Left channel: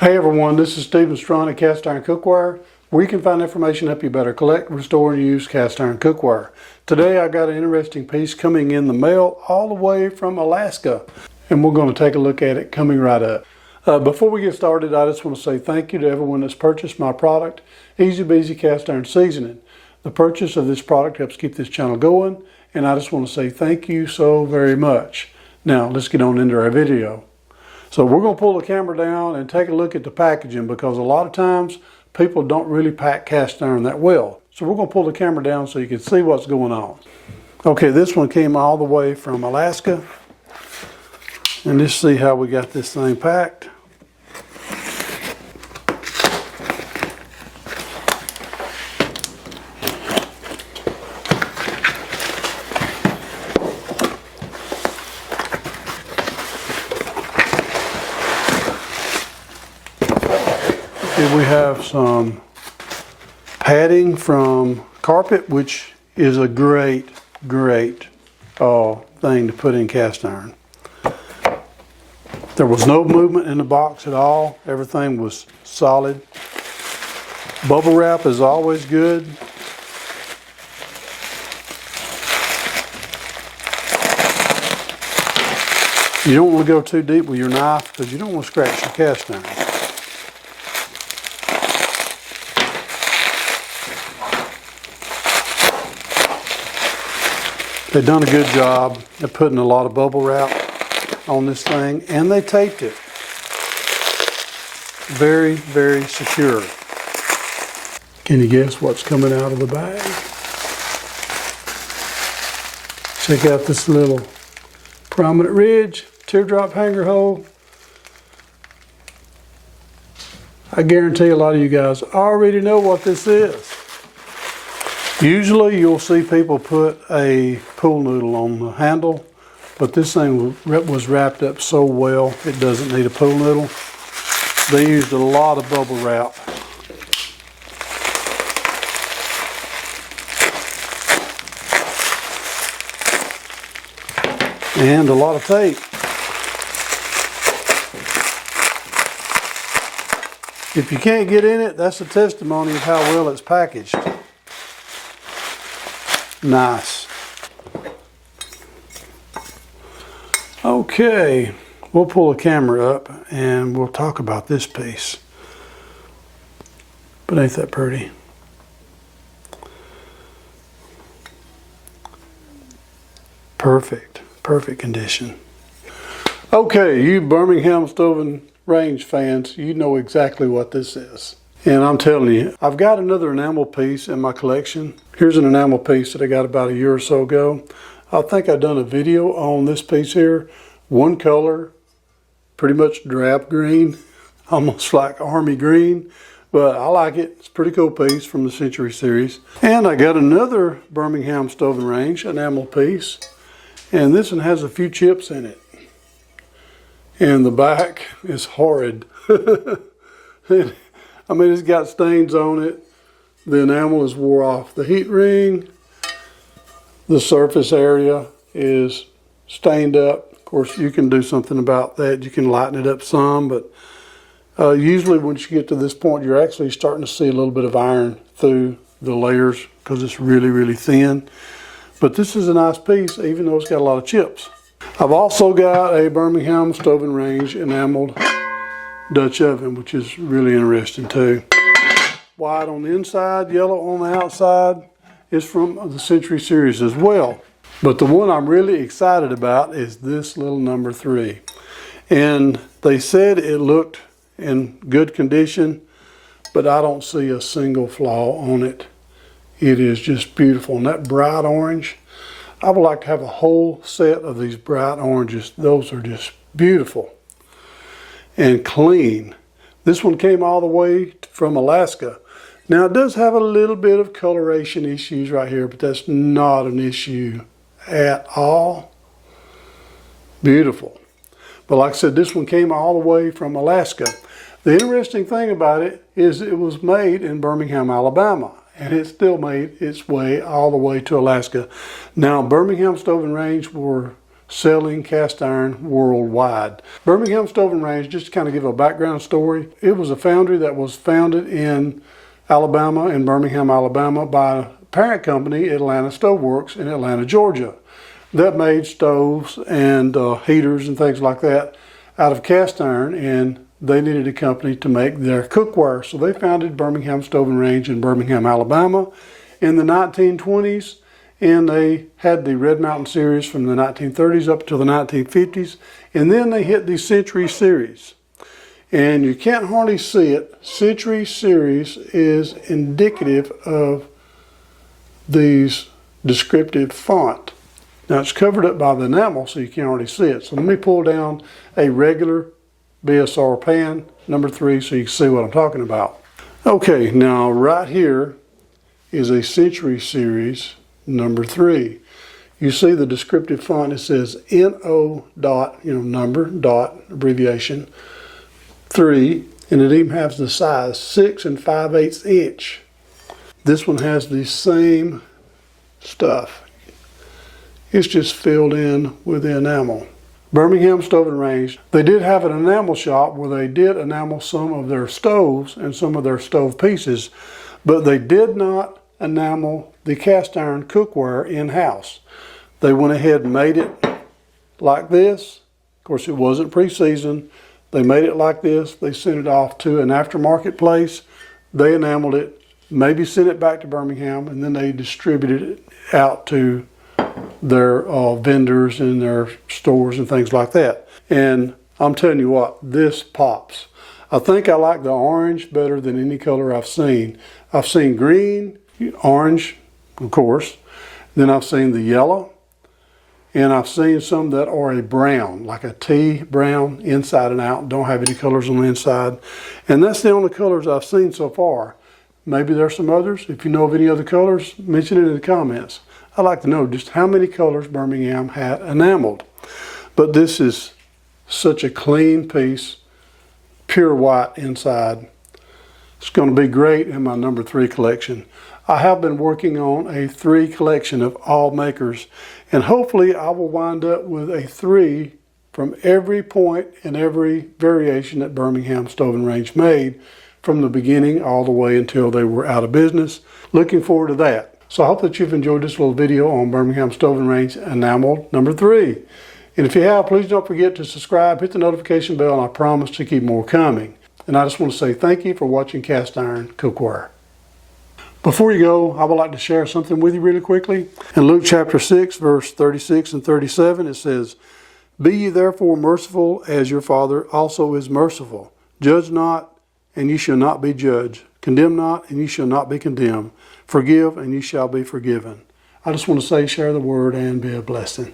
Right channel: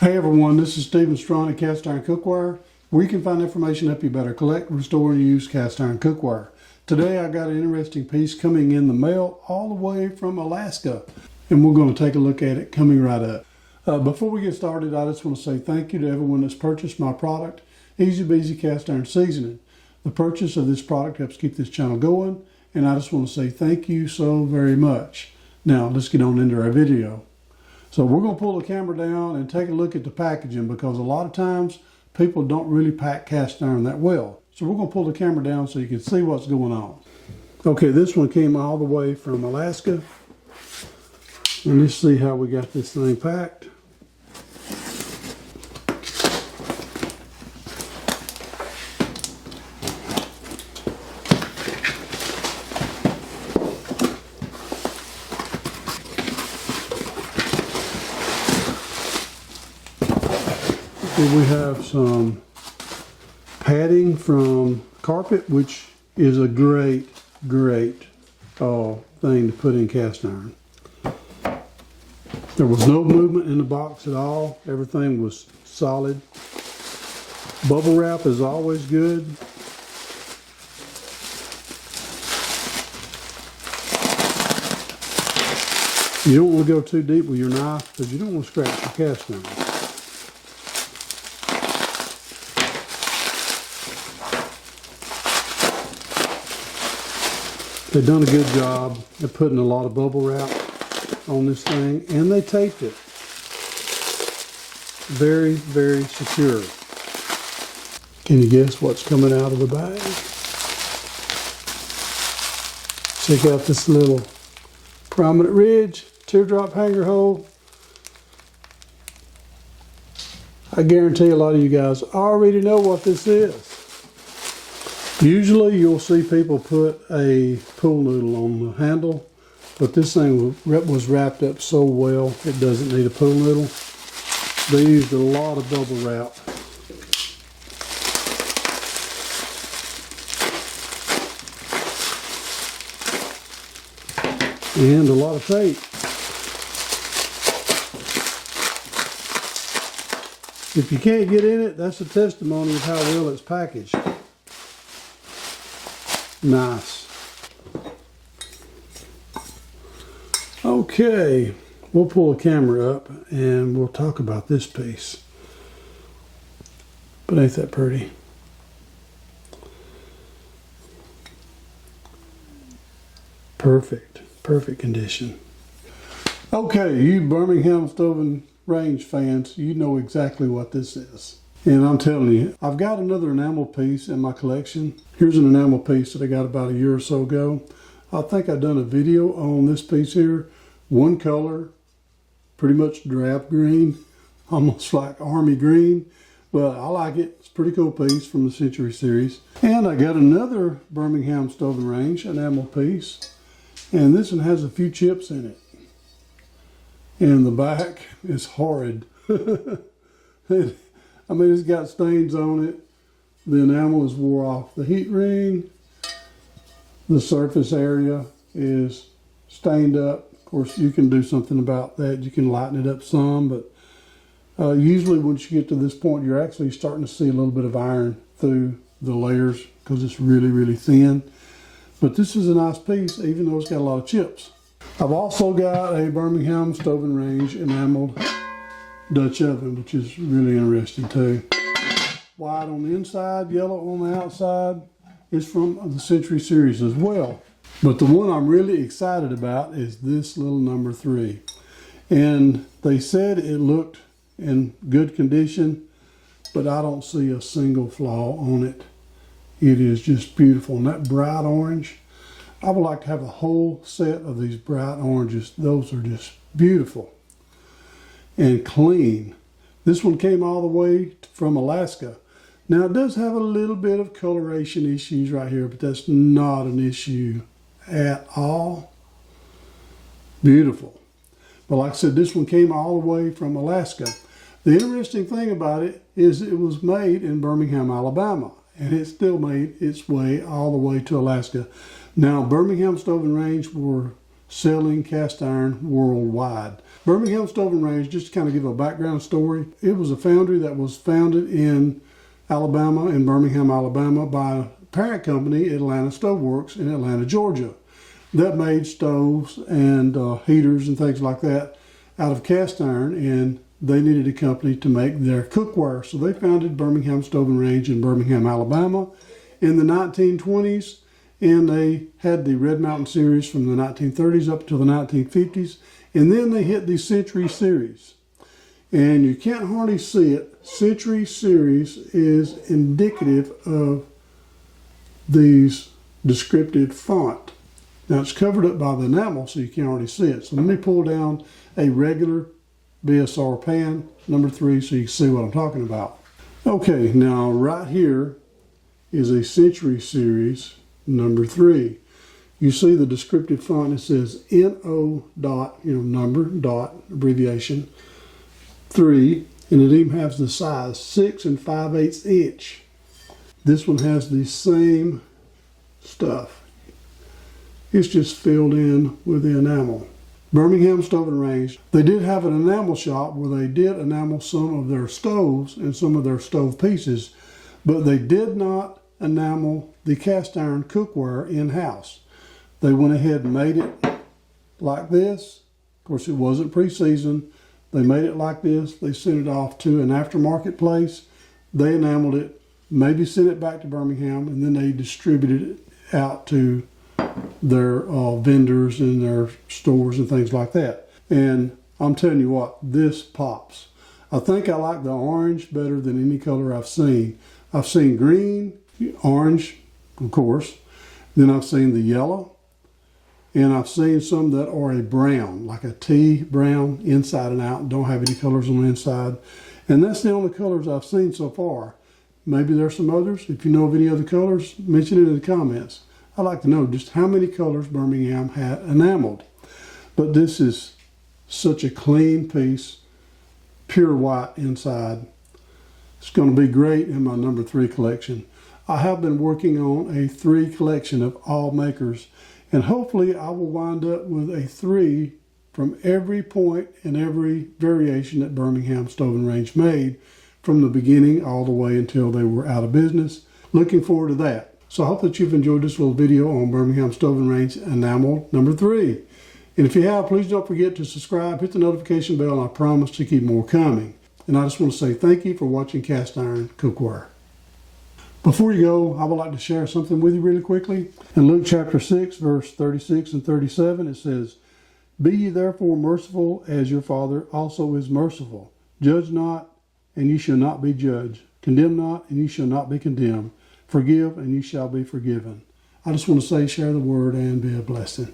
Hey everyone, this is Stephen Strawn at Cast Iron Cookware, where you can find information to help you better collect, restore, and use cast iron cookware. Today I got an interesting piece coming in the mail all the way from Alaska, and we're going to take a look at it coming right up. Before we get started, I just want to say thank you to everyone that's purchased my product, Easy Beezy Cast Iron Seasoning. The purchase of this product helps keep this channel going, and I just want to say thank you so very much. Now let's get on into our video. So we're going to pull the camera down and take a look at the packaging, because a lot of times people don't really pack cast iron that well. So we're going to pull the camera down so you can see what's going on. Okay, this one came all the way from Alaska. And let's see how we got this thing packed. We have some padding from carpet, which is a great thing to put in cast iron. There was no movement in the box at all. Everything was solid. Bubble wrap is always good. You don't want to go too deep with your knife because you don't want to scratch your cast iron. They've done a good job of putting a lot of bubble wrap on this thing, and they taped it. Very, very secure. Can you guess what's coming out of the bag? Check out this little prominent ridge, teardrop hanger hole. I guarantee a lot of you guys already know what this is. Usually you'll see people put a pool noodle on the handle, but this thing was wrapped up so well it doesn't need a pool noodle. They used a lot of bubble wrap. And a lot of tape. If you can't get in it, that's a testimony of how well it's packaged. Nice. Okay, we'll pull the camera up and we'll talk about this piece. But ain't that pretty? Perfect condition. Okay, you Birmingham Stove and Range fans, you know exactly what this is. And I'm telling you, I've got another enamel piece in my collection. Here's an enamel piece that I got about a year or so ago. I think I've done a video on this piece here. One color, pretty much drab green, almost like army green, but I like it. It's a pretty cool piece from the Century series. And I got another Birmingham Stove and Range enamel piece, and this one has a few chips in it. And the back is horrid. I mean, it's got stains on it. The enamel is wore off the heat ring. The surface area is stained up. Of course, you can do something about that. You can lighten it up some, but usually once you get to this point, you're actually starting to see a little bit of iron through the layers because it's really, really thin. But this is a nice piece, even though it's got a lot of chips. I've also got a Birmingham Stove and Range enameled Dutch oven, which is really interesting too. White on the inside, yellow on the outside. Is from the Century series as well. But the one I'm really excited about is this little number 3. And they said it looked in good condition, but I don't see a single flaw on it. It is just beautiful. And that bright orange, I would like to have a whole set of these bright oranges. Those are just beautiful and clean. This one came all the way from Alaska. Now it does have a little bit of coloration issues right here, but that's not an issue at all. Beautiful. But like I said, this one came all the way from Alaska. The interesting thing about it is it was made in Birmingham, Alabama, and it still made its way all the way to Alaska. Now, Birmingham Stove and Range were selling cast iron worldwide. Birmingham Stove and Range, just to kind of give a background story, it was a foundry that was founded in Alabama, in Birmingham, Alabama, by a parent company, Atlanta Stove Works in Atlanta, Georgia, that made stoves and heaters and things like that out of cast iron, and they needed a company to make their cookware. So they founded Birmingham Stove and Range in Birmingham, Alabama in the 1920s, and they had the Red Mountain series from the 1930s up to the 1950s, and then they hit the Century series. And you can't hardly see it. Century series is indicative of these descriptive font. Now it's covered up by the enamel, so you can't hardly see it. So let me pull down a regular BSR pan, number 3, so you can see what I'm talking about. Okay, now right here is a Century series, number 3. You see the descriptive font, it says NO dot, number, dot, abbreviation, 3, and it even has the size, 6 5/8 inch. This one has the same stuff. It's just filled in with the enamel. Birmingham Stove and Range, they did have an enamel shop where they did enamel some of their stoves and some of their stove pieces, but they did not enamel the cast iron cookware in-house. They went ahead and made it like this. Of course, it wasn't pre-seasoned. They made it like this. They sent it off to an aftermarket place. They enameled it, maybe sent it back to Birmingham, and then they distributed it out to their vendors in their stores and things like that. And I'm telling you what, this pops. I think I like the orange better than any color I've seen. I've seen green, orange, of course. Then I've seen the yellow. And I've seen some that are a brown, like a tea brown, inside and out, don't have any colors on the inside. And that's the only colors I've seen so far. Maybe there's some others. If you know of any other colors, mention it in the comments. I'd like to know just how many colors Birmingham had enameled. But this is such a clean piece, pure white inside. It's going to be great in my number 3 collection. I have been working on a 3 collection of all makers, and hopefully I will wind up with a 3 from every point and every variation that Birmingham Stove and Range made from the beginning all the way until they were out of business. Looking forward to that. So I hope that you've enjoyed this little video on Birmingham Stove and Range Enameled number 3. And if you have, please don't forget to subscribe, hit the notification bell, and I promise to keep more coming. And I just want to say thank you for watching Cast Iron Cookware. Before you go, I would like to share something with you really quickly. In Luke chapter 6, verse 36 and 37, it says, "Be ye therefore merciful as your Father also is merciful. Judge not, and ye shall not be judged. Condemn not, and ye shall not be condemned. Forgive, and ye shall be forgiven." I just want to say, share the word and be a blessing.